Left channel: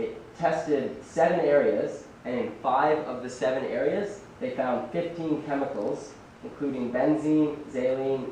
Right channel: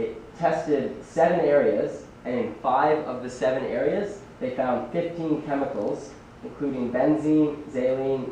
It tested 7 areas, and in 5 of the 7 areas, they found 15 chemicals, including benzene, xylene,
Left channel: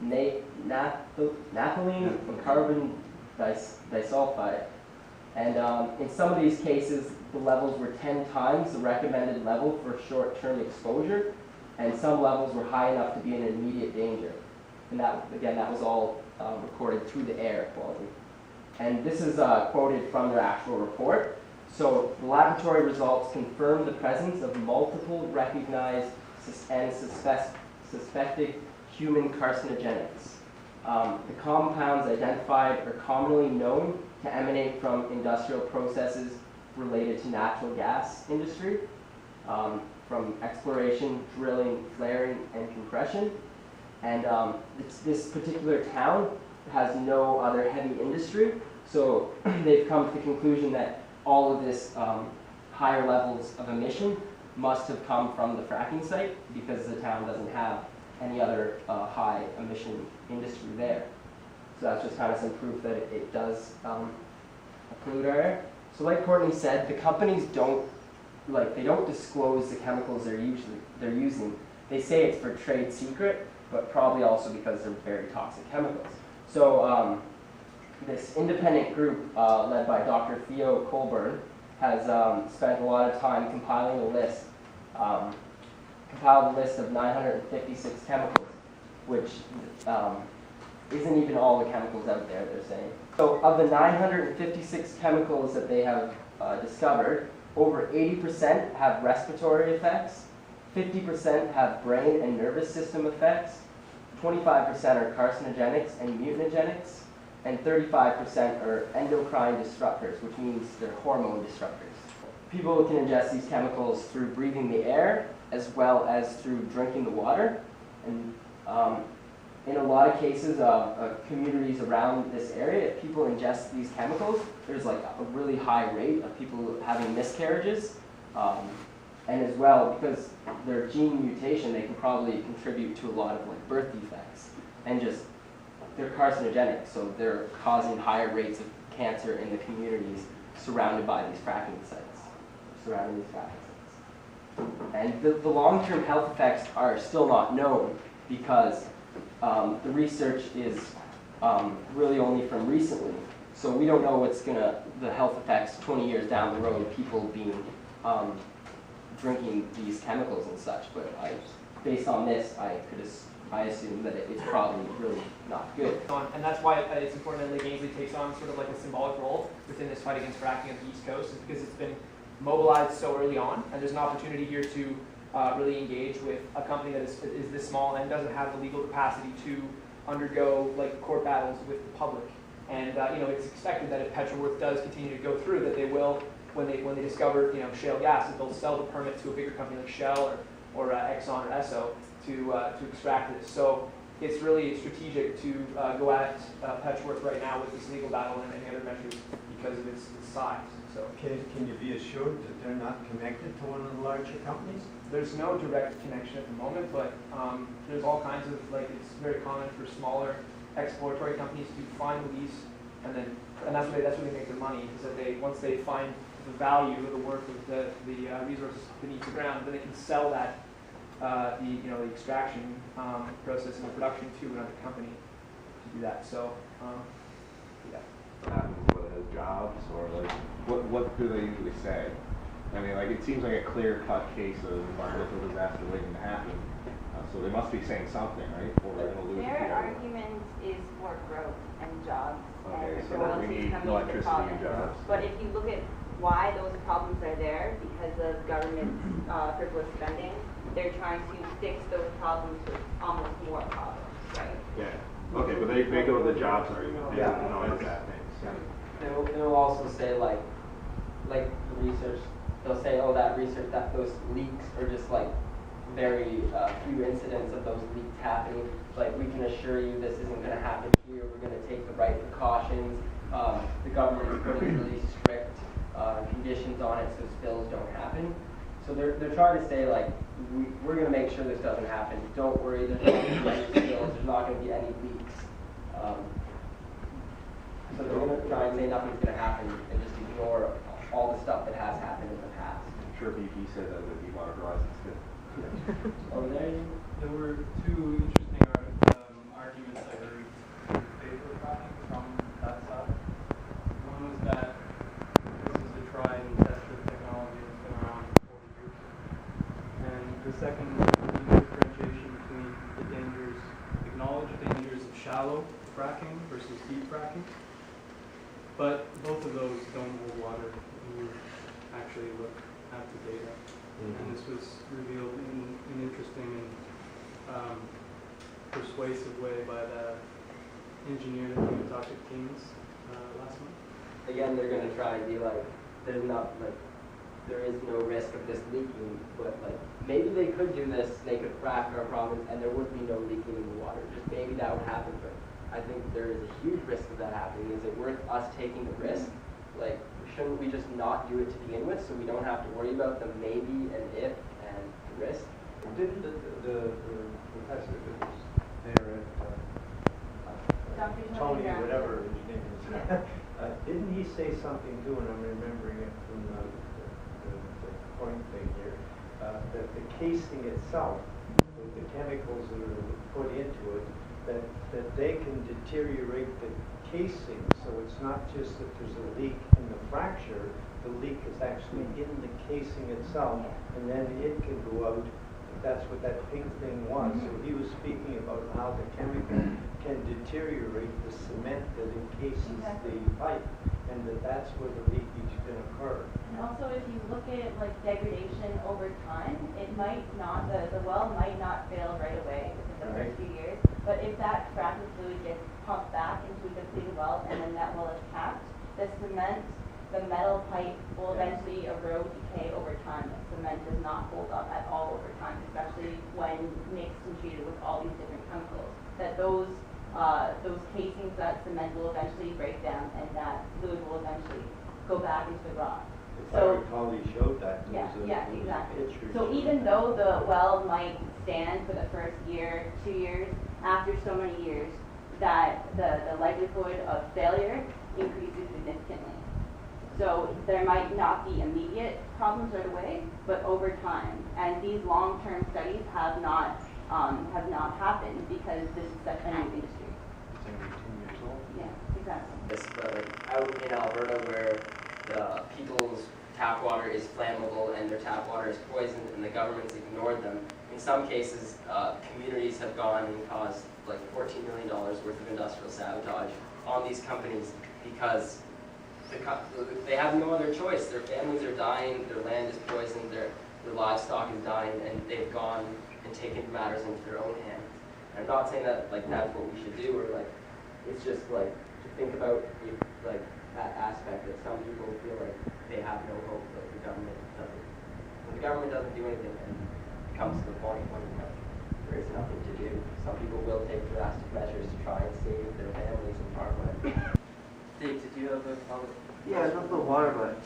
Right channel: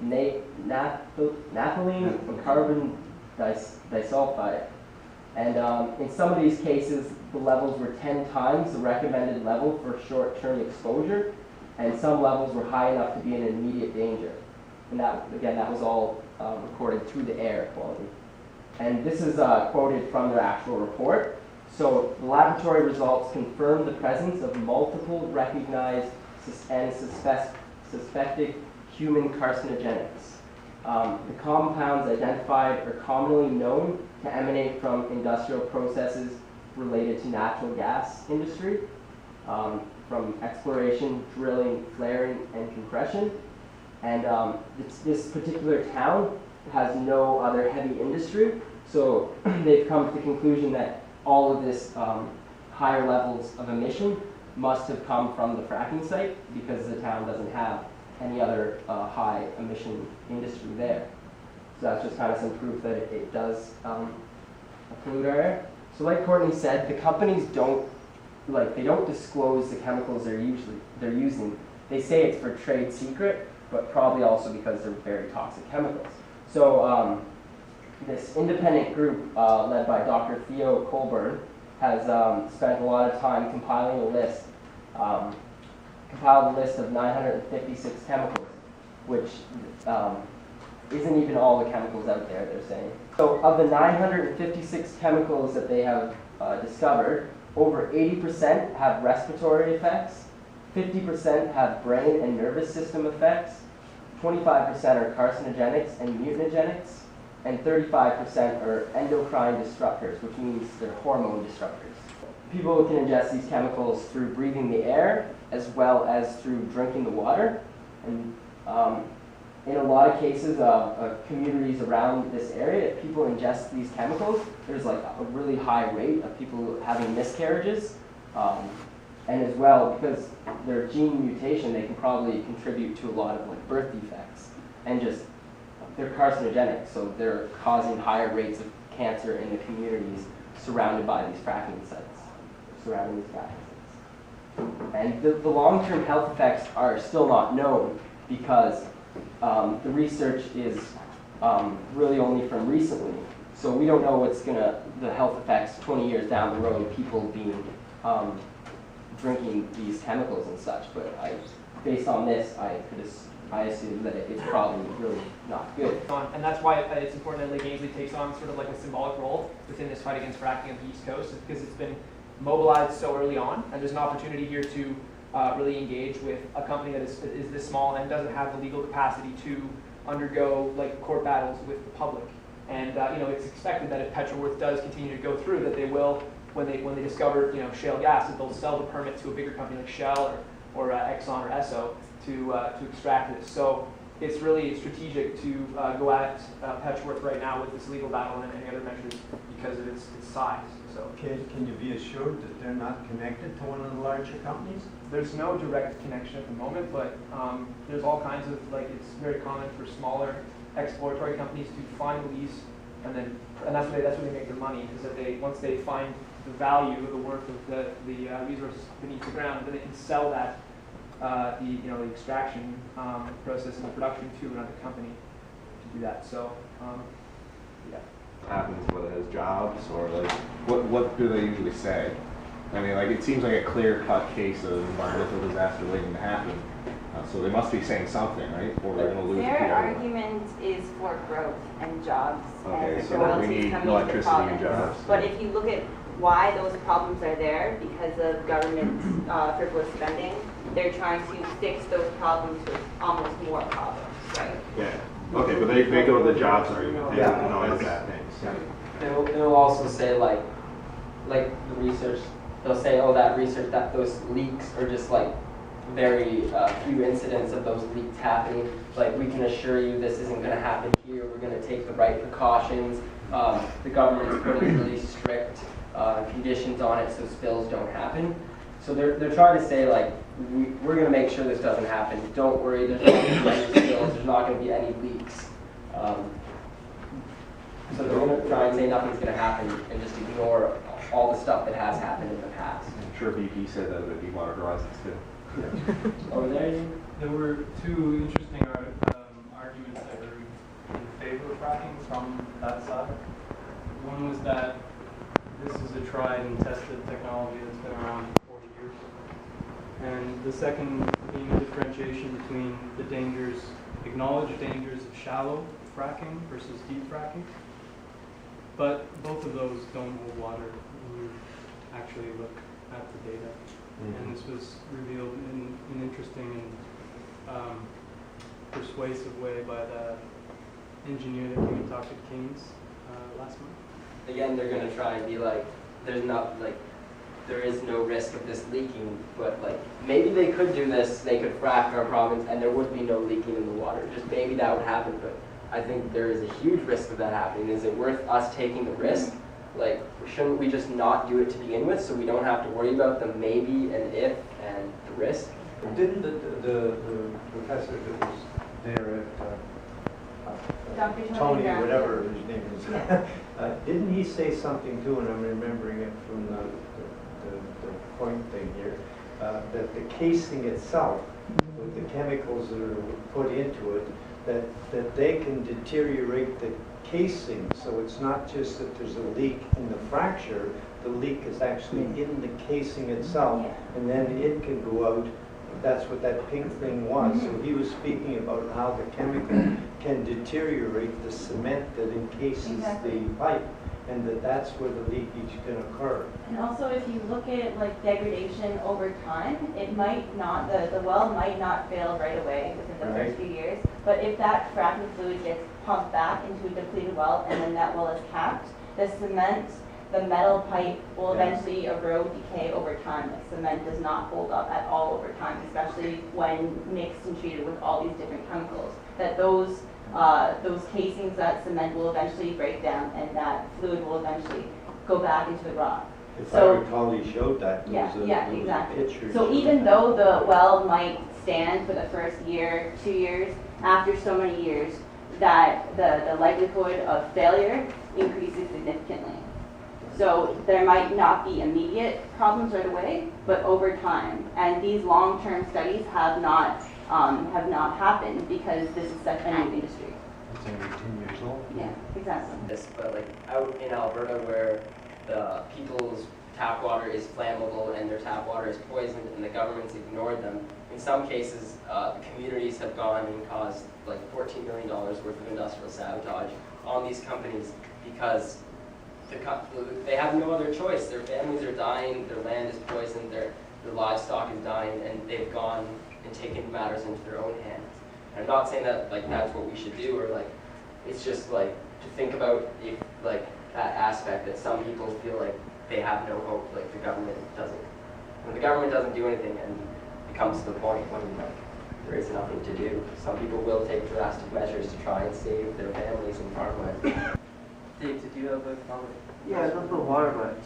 naphthalene, and carbon disulfide. And in some of these cases, the levels were 10 times the recommended level for short-term exposure, and some levels were high enough to be in immediate danger. And that, again, that was all recorded through the air quality. And this is quoted from their actual report. So the laboratory results confirm the presence of multiple recognized and suspected human carcinogenics. The compounds identified are commonly known to emanate from industrial processes related to natural gas industry, from exploration, drilling, flaring, and compression. And this particular town has no other heavy industry, so they've come to the conclusion that all of this higher levels of emission must have come from the fracking site because the town doesn't have any other high emission industry there. So that's just kind of some proof that it does pollute our air. So like Courtney said, the companies don't disclose the chemicals they're using. They say it's for trade secret, but probably also because they're very toxic chemicals. So this independent group led by Dr. Theo Colburn has spent a lot of time compiling a list, compiled a list of 956 chemicals, which isn't even all the chemicals out there, they're saying. So of the 956 chemicals that they have discovered, over 80% have respiratory effects, 50% have brain and nervous system effects, 25% are carcinogenics and mutagenics, and 35% are endocrine disruptors, which means they're hormone disruptors. People can ingest these chemicals through breathing the air as well as through drinking the water. And in a lot of cases of communities around this area, if people ingest these chemicals, there's like a really high rate of people having miscarriages. And as well, because their gene mutation, they can probably contribute to a lot of like birth defects. And just, they're carcinogenic, so they're causing higher rates of cancer in the communities surrounded by these fracking sites, surrounding these fracking sites. And the long-term health effects are still not known because the research is really only from recently. So we don't know what's the health effects 20 years down the road, people being drinking these chemicals and such. But based on this, I assume that it's probably really not good. And that's why it's important that Lake Ainsley takes on sort of like a symbolic role within this fight against fracking on the East Coast, is because it's been mobilized so early on, and there's an opportunity here to really engage with a company that is this small and doesn't have the legal capacity to undergo like court battles with the public. And it's expected that if Petroworth does continue to go through, that they will, when they discover shale gas, that they'll sell the permit to a bigger company like Shell or Exxon or Esso to extract this. So it's really strategic to go at Petroworth right now with this legal battle and any other measures because of its size. So can you be assured that they're not connected to one of the larger companies? There's no direct connection at the moment, but there's all kinds of, it's very common for smaller exploratory companies to find lease, and that's where they make their money, is that once they find the value, the worth of the resources beneath the ground, then they can sell that the extraction process and the production to another company to do that. So yeah. What happens, whether it's jobs or like what do they usually say? I mean, it seems like a clear-cut case of environmental disaster waiting to happen. So they must be saying something, right? Or they're going to lose. Their argument is for growth and jobs. Okay, and so we need electricity and jobs. But if you look at why those problems are there, because of government frivolous spending, they're trying to fix those problems with almost more problems, right? Yeah. Okay, but they go to the jobs argument. They don't know it's bad things. And they'll also say like the research. They'll say, oh, that research, that those leaks are just very few incidents of those leaks happening. We can assure you this isn't going to happen here. We're going to take the right precautions. The government is putting really strict conditions on it so spills don't happen. So they're trying to say we're going to make sure this doesn't happen. Don't worry, there's not going to be any spills. There's not going to be any leaks. So they're going to try and say nothing's going to happen and just ignore all the stuff that has happened in the past. I'm sure BP said that would be water horizons too. Over there, There were two interesting arguments I heard in favor of fracking from that side. One was that this is a tried and tested technology that's been around for 40 years. And the second being the differentiation between the dangers, acknowledged dangers of shallow fracking versus deep fracking. But both of those don't hold water when you actually look at the data. And this was revealed in an interesting and persuasive way by the engineer that came and talked to Kings last month. again, they're gonna try and be like, there's not, like, there is no risk of this leaking, but like, maybe they could do this, they could frack our province and there would be no leaking in the water. Just maybe that would happen, but I think there is a huge risk of that happening. Is it worth us taking the risk? Like, shouldn't we just not do it to begin with so we don't have to worry about the maybe and if and the risk? Didn't the professor who was there at Dr. Tony, Brown. whatever his name is, didn't he say something too, and I'm remembering it from the point thing here, that the casing itself, with the chemicals that are put into it, that they can deteriorate the casing, so it's not just that there's a leak in the fracture, the leak is actually in the casing itself, and then it can go out. That's what that pink thing was. So he was speaking about how the chemical can deteriorate the cement that encases the pipe, and that's where the leakage can occur. And also, if you look at like degradation over time, it might not, the well might not fail right away within the first few years, but if that fracking fluid gets pumped back into a depleted well and then that well is capped, the cement, the metal pipe will eventually erode, decay over time. Like cement does not hold up at all over time, especially when mixed and treated with all these different chemicals. That those casings, that cement will eventually break down and that fluid will eventually go back into the rock. If I recall, he showed that. Exactly. Pictures. So even though the well might stand for the first year, 2 years, after so many years, that the likelihood of failure increases significantly. So there might not be immediate problems right away, but over time. And these long-term studies have not happened because this is such a new industry. It's only 10 years old. Yeah, exactly. This, but like out in Alberta where the people's tap water is flammable and their tap water is poisoned and the government's ignored them, in some cases the communities have gone and caused like $14 million worth of industrial sabotage on these companies because they have no other choice. Their families are dying, their land is poisoned, their livestock is dying, and they've gone and taken matters into their own hands. And I'm not saying that like that's what we should do, or like it's just like to think about if like that aspect that some people feel like they have no hope, like the government doesn't. When the government doesn't do anything, and it comes to the point when there is nothing to do, some people will take drastic measures to try and save their families and farmland. Dave, did you have a comment? Yeah, it's not the water, but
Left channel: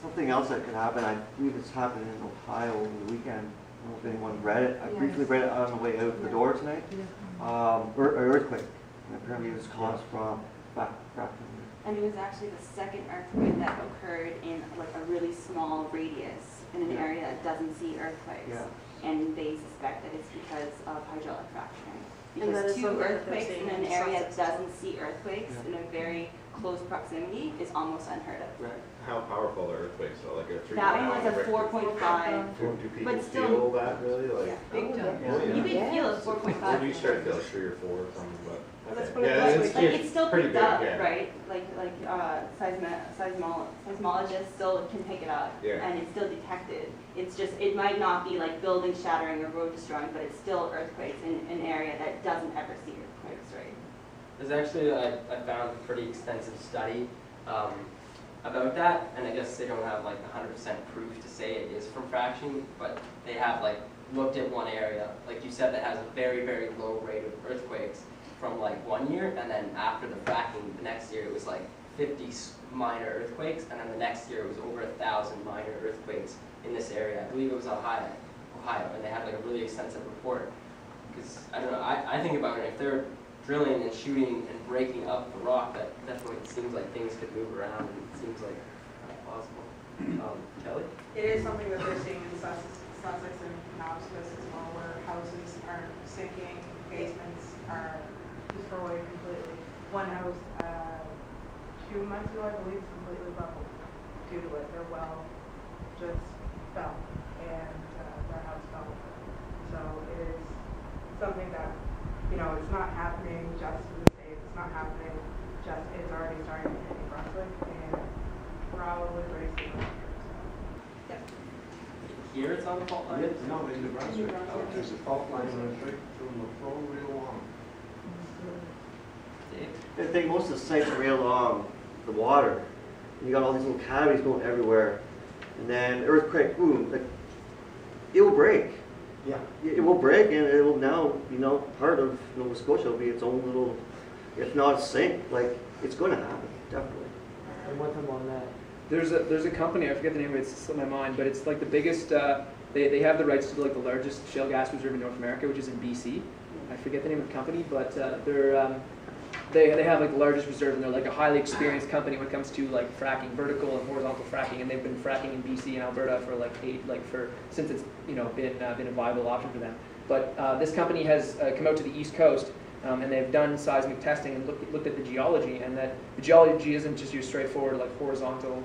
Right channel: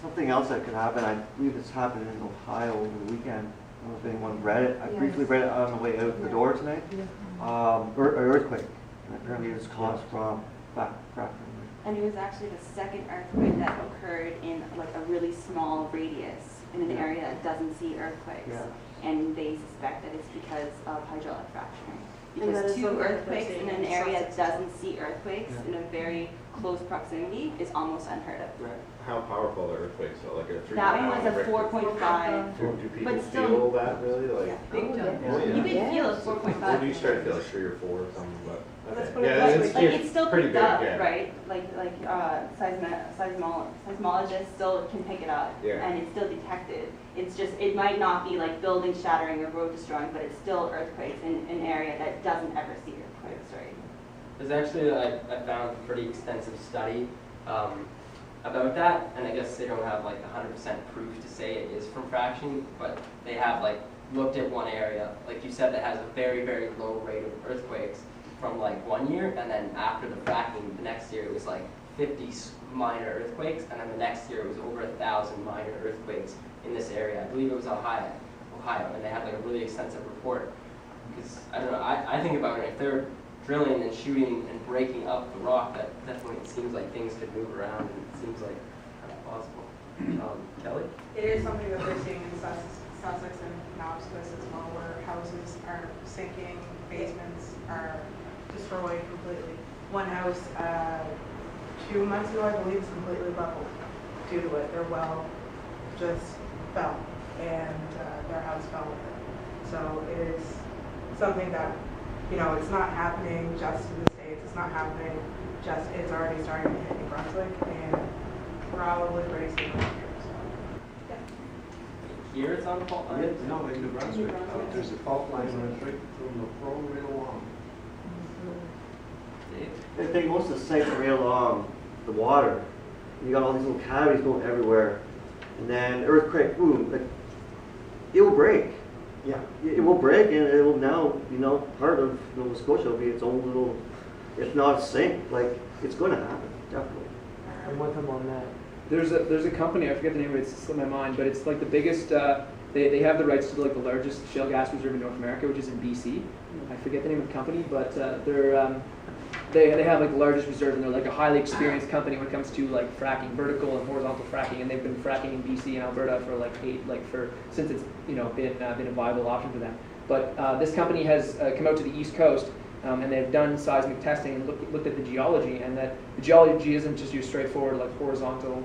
something else that could happen. I believe it's happened in Ohio over the weekend. I don't know if anyone read it. I briefly read it on the way out the door tonight. Earthquake, and apparently it was caused from fracking. And it was actually the second earthquake that occurred in like a really small radius in an area that doesn't see earthquakes. Yeah. And they suspect that it's because of hydraulic fracturing. And that Because is 2 something that earthquakes they're in an saying area is that doesn't see earthquakes in a very close proximity is almost unheard of. Right. How powerful are earthquakes though? Like a 3.5? That one was a 4.5. Do people but still- feel that really? Like, Yeah. Big time. Oh, yeah. You can feel a When 4.5. do you start to feel like 3 or 4 or something? But Well, that's okay. what it Yeah, was. it's, Like it's still pretty picked big, up, yeah. right? Like seismologists still can pick it up, Yeah. and it's still detected. It's just it might not be like building shattering or road destroying, but it's still earthquakes in an area that doesn't ever see earthquakes, right? There's actually, I found a pretty extensive study about that, and I guess they don't have like 100% proof to say it is from fracking, but they have like looked at one area, like you said, that has a very, very low rate of earthquakes from like 1 year, and then after the fracking, the next year it was like 50 minor earthquakes, and then the next year it was over 1,000 minor earthquakes in this area. I believe it was Ohio, and they had like a really extensive report. Because, I don't know, I think about it, if they're drilling and shooting and breaking up the rock, that definitely seems like things could move around, and it seems like possible. Kelly? It is something that we're seeing in Sussex and Nobscus as well, where houses are sinking, basements are destroyed completely. One house, 2 months ago, I believe, is completely leveled due to it. Their well just fell, and their house fell with it. So it is something that, you know, it's not happening just in the States. It's not happening just, it's already starting to hit New Brunswick, and probably pretty soon here. So, yeah. Here it's on the fault line? No, in New Brunswick, there's a fault line runs right from the pro real long. I think most of the sites are right along the water. You got all these little cavities going everywhere. And then earthquake, boom, like, it will break. Yeah. It will break, and it will now, you know, part of Nova Scotia will be its own little, if not a sink. Like, it's going to happen, definitely. And one time on that, there's a company, I forget the name of it, it's slipped my mind, but it's like the biggest. They have the rights to like the largest shale gas reserve in North America, which is in BC. I forget the name of the company, but they have like the largest reserve, and they're like a highly experienced company when it comes to like fracking, vertical and horizontal fracking, and they've been fracking in BC and Alberta for since it's been a viable option for them. But this company has come out to the East Coast, and they've done seismic testing and looked at the geology, and that the geology isn't just your straightforward like horizontal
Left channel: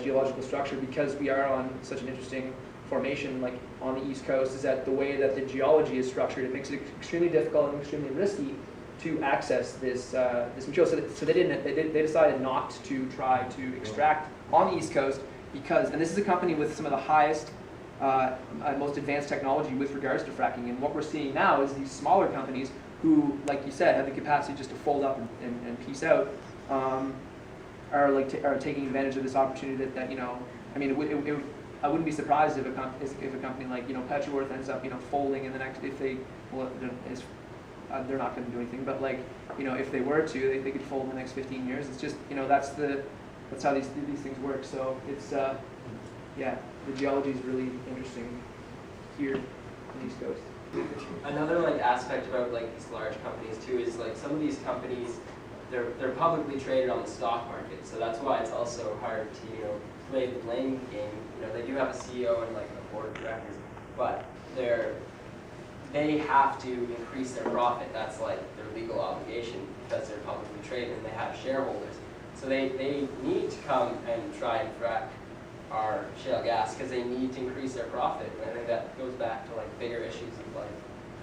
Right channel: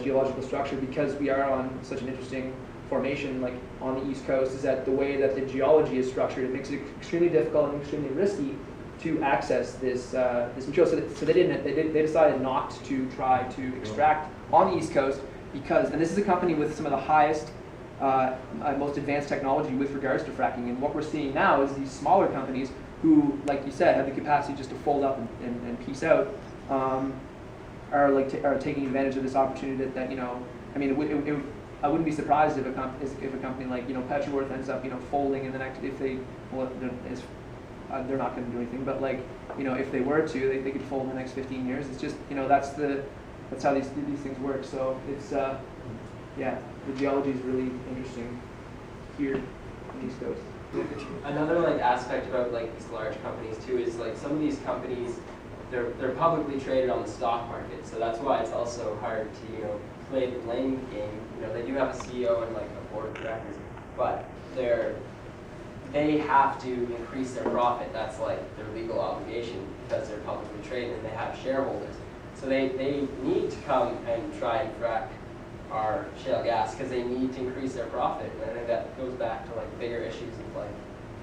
geological structure, because we are on such an interesting formation like on the East Coast. Is that the way that the geology is structured? It makes it extremely difficult and extremely risky to access this material. So they decided not to try to extract on the East Coast because, and this is a company with some of the highest, most advanced technology with regards to fracking. And what we're seeing now is these smaller companies who, like you said, have the capacity just to fold up and piece out, are taking advantage of this opportunity that you know. I mean, I wouldn't be surprised if a company like Petroworth ends up folding in the next, if they they're not going to do anything, but like if they were to, they could fold in the next 15 years. It's just that's how these things work. So it's yeah, the geology is really interesting here on the East Coast. Another like aspect about like these large companies too is like some of these companies they're publicly traded on the stock market, so that's why it's also hard to play the blame game. They do have a CEO and like a board of directors, but they have to increase their profit. That's like their legal obligation because they're publicly traded and they have shareholders. So they need to come and try and frack our shale gas because they need to increase their profit. And I think that goes back to like bigger issues of like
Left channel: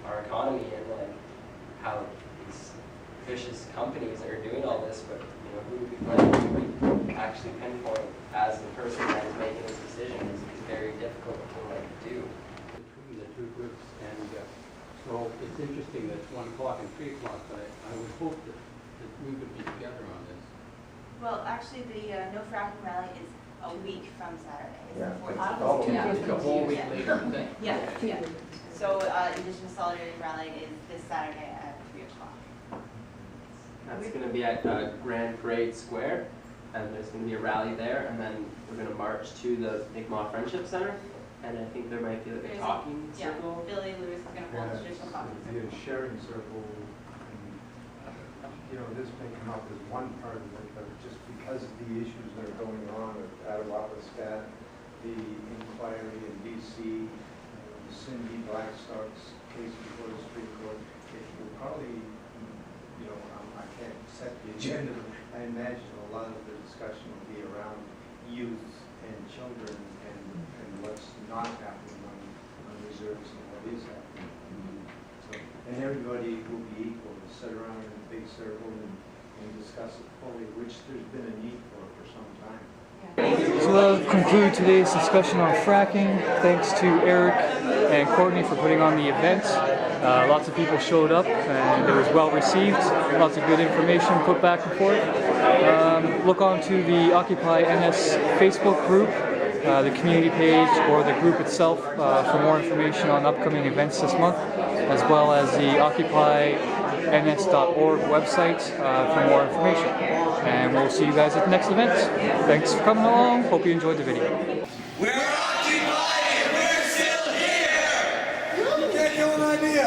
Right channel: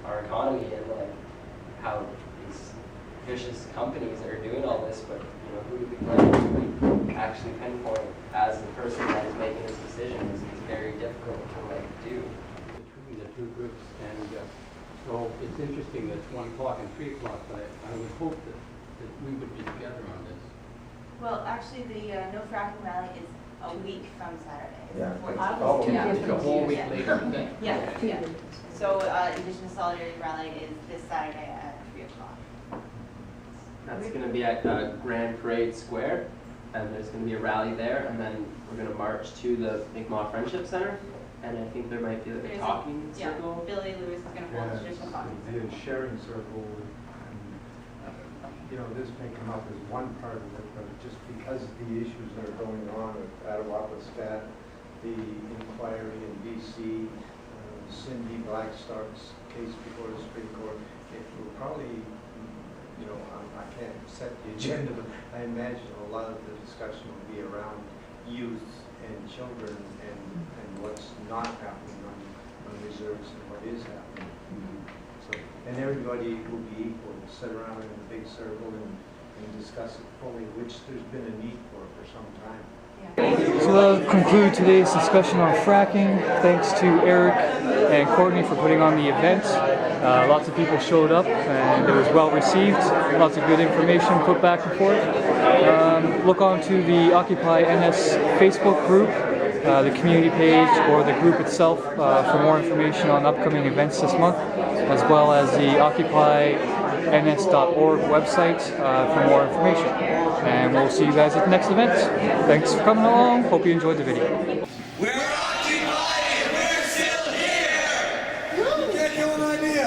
our economy and like how these vicious companies are doing all this. But who do we blame to actually pinpoint as the person that is making this decision is very difficult to like do. Between the two groups, and so it's interesting that it's 1 o'clock and 3 o'clock, but I would hope that we would be together on this. Well, actually, the No Fracking Rally is a week from Saturday. It's Yeah, the 14th. It's a whole week later. Yeah. So Indigenous Solidarity Rally is this Saturday at 3 o'clock. That's going to be at Grand Parade Square, and there's going to be a rally there, and then we're going to march to the Mi'kmaq Friendship Center, and I think there might be like a talking circle. Yeah, Billy Lewis is going to hold a traditional talking circle. The sharing circle, and, this may come up as one part of it, but just because of the issues that are going on at Attawapiskat, the inquiry in D.C., Cindy Blackstock's case before the Supreme Court, it will probably, I can't set the agenda, but I imagine a lot of the discussion will be around youth and children and what's not happening on reserves and what is happening. So, and everybody will be equal to sit around in a big circle and discuss it fully, which there's been a need for some time. So that'll conclude today's discussion on fracking. Thanks to Eric and Courtney for putting on the event. Lots of people showed up and it was well received. Lots of good information put back and forth. Look on to the Occupy NS Facebook group, the community page, or the group itself for more information on upcoming events this month, as well as the occupyns.org website for more information. And we'll see you guys at the next event. Thanks for coming along. Hope you enjoyed the video. We're occupied and we're still here! Get you an idea?